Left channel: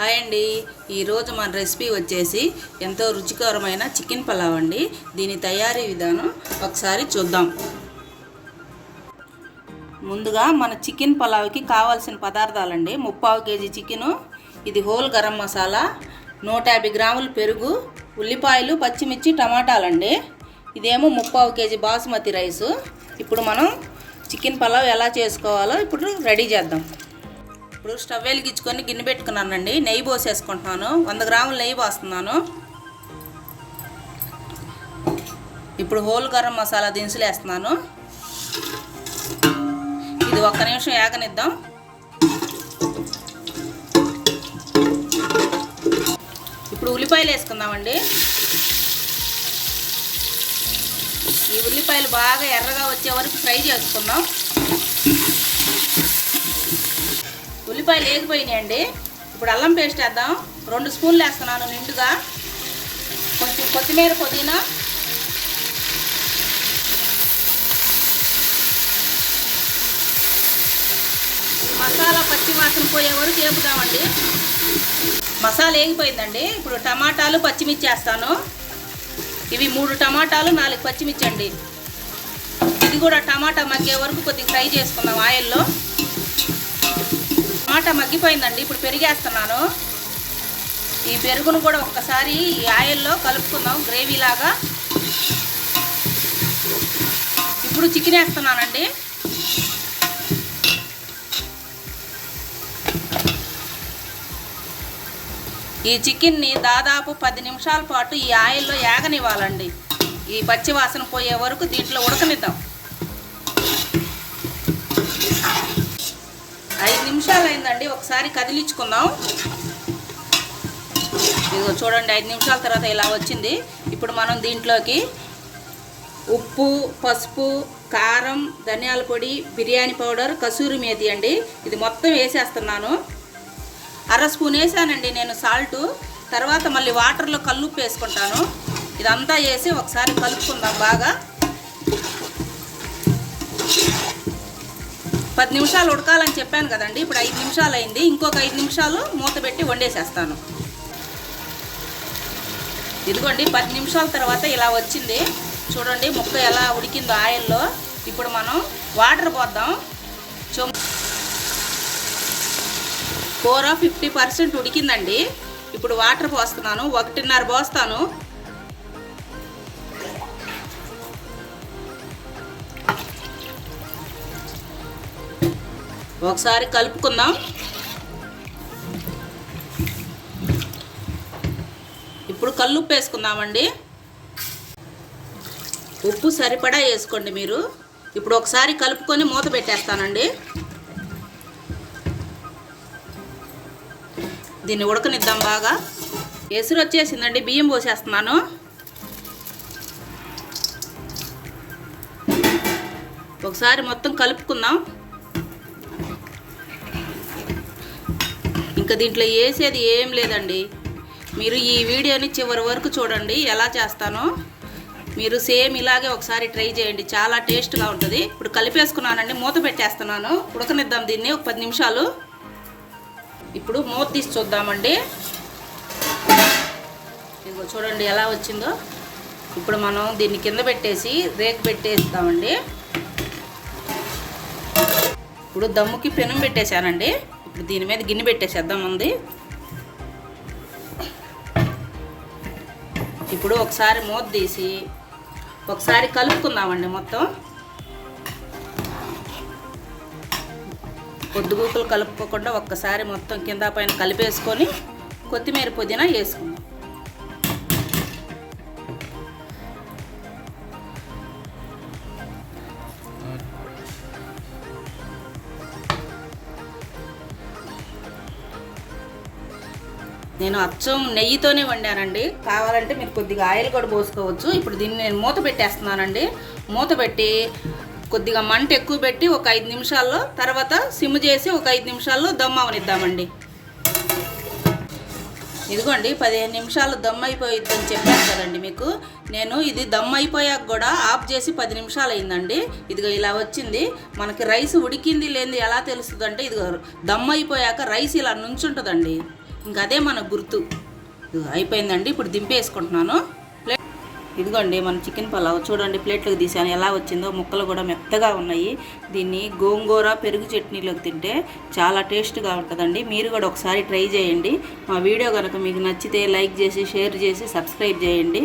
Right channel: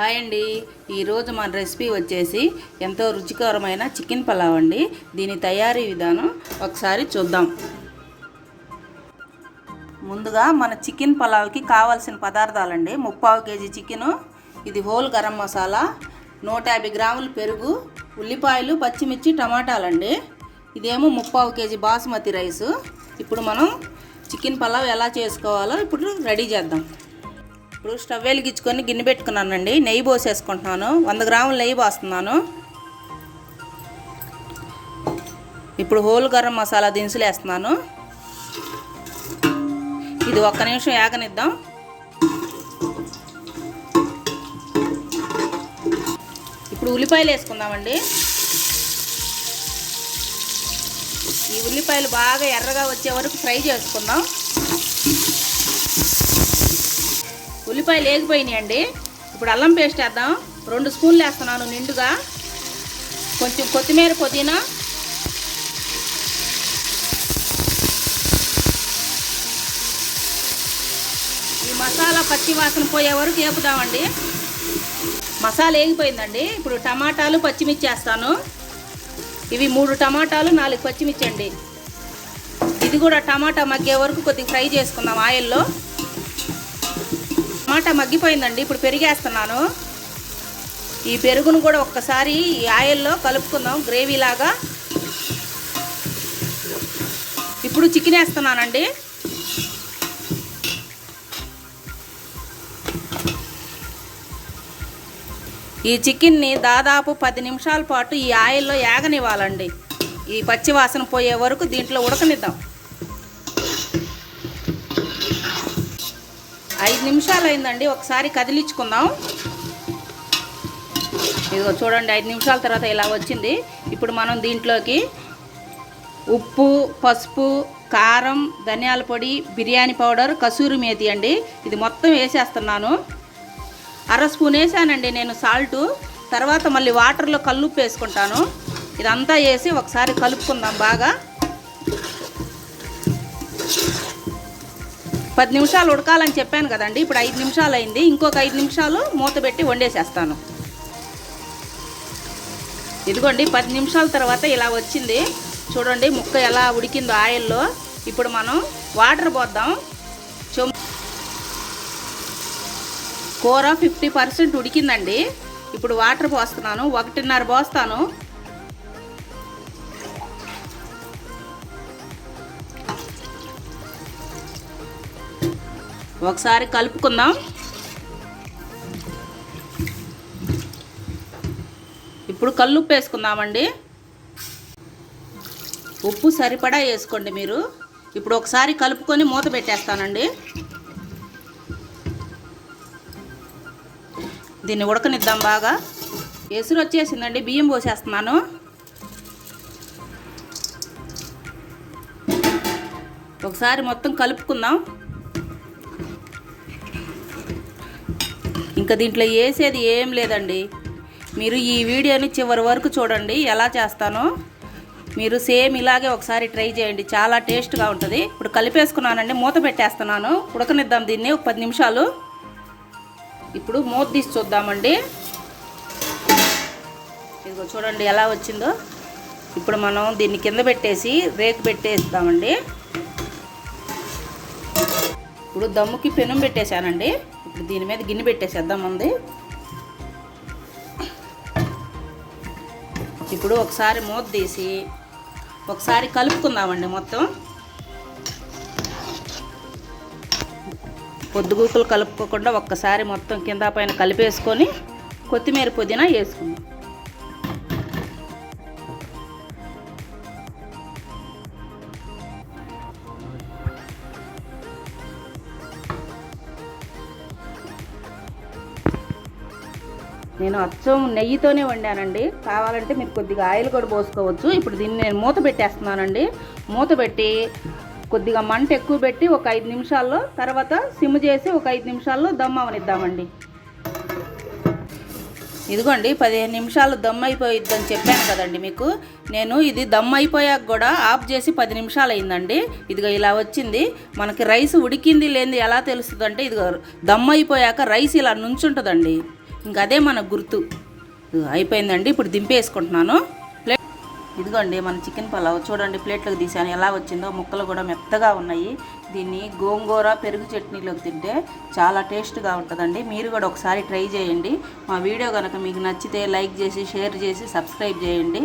Hi అండి. ఈరోజు మన రెసిపీ వచ్చేసి ఎంతో రుచికరమైన చికెన్ పలావ్ అండి. దీని తయారీ విధానం ఒకసారి చూద్దాం. ముందుగా మన చికెన్ పలావ్కి కావాల్సిన పదార్థాలండి. 3/4 కేజీ చికెను, ఇది హోల్ గరం మసాలా, 150 గ్రాములు పెరుగు, ఉల్లిపాయలు, పచ్చిమిర్చి, టమాటాలండి. ఇదేమో 3/4 కేజీ బాస్మతి రైసు. ఇప్పుడు మనం చికెన్ పలావ్ ఎలా చేసుకోవాలో ఇప్పుడు రెడీ చేద్దాం. ఇప్పుడు స్టవ్ వెలిగించుకొని గిన్నె పెట్టుకున్నానండి. నెయ్యి పోసేసుకుంటున్నాను. 100 గ్రాముల నెయ్యి పోస్తున్నాను. ఇప్పుడు హోల్ గరం మసాలా దినుసులు వేస్తున్నాను. ఇది 1 నిమిషం ఏగనిద్దాం. ఇప్పుడు ఉల్లిపాయలు వేసుకుందామండి. ఈ ఉల్లిపాయలు బాగా ఎర్రగా వచ్చే వరకు ఫ్రై చేసుకుందాం. ఉల్లిపాయలు వేగిపోయినాయండి. ఇప్పుడు అల్లం పేస్ట్ వేద్దాం. 2 స్పూన్లు వేస్తున్నాను నిండుగా. కొంచెం కొత్తిమీర, పుదీనా, ఈ మసాలా పచ్చి వాసన పోయే వరకు వేపుదామండి. మసాలా వేగిపోయిందండి. ఇప్పుడు టమాటాలు, పచ్చిమిర్చి వేస్తాను. ఇవి 3 టమాటాలు, 4 పచ్చిమిర్చి అండి. ఇది కూడా టమాటా మగ్గే వరకు కొద్దిగా ఫ్రై చేసుకుందాం ఆయిల్లో. టమాటా మగ్గిపోయిందండి. ఇప్పుడు పెరిగేస్తున్నాను. ఈ పెరుగును కూడా ఒక్కసారి ఈ ఆయిల్లో కలుపుకుందాం గ్రేవీ లాగా. ఇప్పుడు చికెన్ వేస్తున్నానండి. ఈ చికెన్ని దాదాపు 10 నిమిషాల పాటు ఈ ఆయిల్లో ఏగనివ్వాలండి. ఈ పచ్చి వాసన పోయే వరకు దీంట్లో ఉడకనిద్దాం. 5 నిమిషాలు అయిందండి. ఒకసారి కదిలించుకుందాం. ఇదిగో చూడండి, 5 నిమిషాల తర్వాత ఇలా వచ్చింది. ఇప్పుడు మనం దీంట్లోకి ఉప్పు, పసుపు, కారం, ధనియాల పొడి, బిర్యానీ పౌడర్, కసూరి మేతి అండి, ఇది మొత్తం వేసేస్తున్నాను. 1/2 స్పూన్ వేసానండి నేను సాల్టు. తర్వాత మళ్ళీ వాటర్లో కల్లుప్పు వేసుకుంటాను. ఇదంతా వేసి ఒకసారి కలుపుకుందాం బాగా. 10 నిమిషాలు ఉడకాలని చెప్పాను కదండి. ఇప్పుడు 5 నిమిషాలు అయింది. ఇంకొక 5 నిమిషాలు మూత పెట్టి వండేసేస్తాను. ఇదిగోండి, 10 నిమిషాల తర్వాత ఇలా వచ్చింది. చూడండి ముక్క ఎలా ఉడికిందో ఆయిల్లో. ఇప్పుడు మనం వాటర్ పోద్దాం. కూర 50% ఉడికిందండి. ఇప్పుడు వాటర్ పోస్తున్నాను. 1.5 పోస్తాను. ఒకసారి కలుపుకుందాం. ఇప్పుడు కల్లుప్పు వేసుకుందామండి. ఉప్పు సరిపడా వేసుకోండి మీరు. ఇప్పుడు ఒకసారి కలుపుకొని మూత పెట్టేస్తానండి. దీన్ని ఉడకనిద్దాం బాగా. ఎసురు వచ్చేసిందండి. బియ్యం పోసేస్తున్నాను. ఒకసారి మొత్తం కలుపుకుందాం. ఇంకా దీంట్లో వేసేది ఏం లేదండి. మీరు ఈ వీడియోని చివరి వరకు చూడండి ఎలా చేస్తానో. మీరు సేమ్ ఇలాగే ఒకసారి ట్రై చేయండి. చాలా టేస్ట్గా ఉంటుంది. ఇప్పుడు కలిపేసుకున్నానండి. మూత పెట్టేస్తున్నాను. ఉడకనిద్దాం దీన్ని 10 నిమిషాలు. ఇప్పుడు మూత తీసి చూద్దామండి. ఇదిగో చూడండి ఎలా వచ్చిందో. ఇప్పుడు మనం దీన్ని కింద పెట్టేసి రేకు పెట్టేస్తామండి. ఇప్పుడు దమ్ముకి పెనం పెట్టేశానండి. ఇప్పుడు దీని మీద గిన్నె పెట్టేసేద్దాం ఉంది. ఇప్పుడు ఒకసారి మూత తీసి ఒకసారి కలుపుకుందామండి మొత్తం. పొద్దుగూకులు కలుపుకోకుండా ఒక్కసారి మొత్తం కింద పైన కలిపేసుకొని కొత్తిమీర, పుదీనా వేసుకుందాం. నేను అచ్చం నెయ్యితోనే వండానండి. కావాలంటే మీరు కొద్దిగా ఆయిల్ కూడా పోసుకోవచ్చు. ఇప్పుడు దీన్ని నేను మూత పెట్టేస్తున్నానండి. మూత పెట్టి కొద్దిగా మంట ఎక్కువ పెట్టి ఒక 5 నిమిషాల్లో, తర్వాత సిమ్ చేసి ఒక 5 నిమిషాల్లో దమ్ అవనిద్దామండి. ఇదిగోండి 15 నిమిషాలు దమ్ అయిపోయిద్దని చెప్పాను కదండి మీకు. నేను ఇది దమ్ అయిపోయాక కూడా ఆఫ్ చేసి 10 నిమిషాలు అయిందండి. ఇదిగో ఇలా వచ్చింది. మనకి రైస్ ఉడికింది లేనిది ఎలా తెలుస్తుంది అంటే, ఇదిగో దమ్ అయిపోయాక రైస్ ఇలా నుంచుంటుందండి. ఇంకా అదే మన గుర్తు. అయిపోయిందండి, ఇప్పుడు దింపేసుకుంటున్నాను. ఇదిగోండి మన చికెన్ పలావ్ చూడండి, ప్లేట్లోకి తీసాను ఎలా వచ్చిందో. ముక్కలు కూడా మెత్తగా ఉన్నాయి. దీన్ని గోంగూర పెరుగు చట్నీలోకి తింటే చాలా టేస్ట్గా ఉంటుందండి. మీరు కూడా ఒకసారి ట్రై చేయండి. మా వీడియో కనుక మీకు నచ్చితే లైక్ చేసి, షేర్ చేసి, సబ్స్క్రైబ్ చేయండి.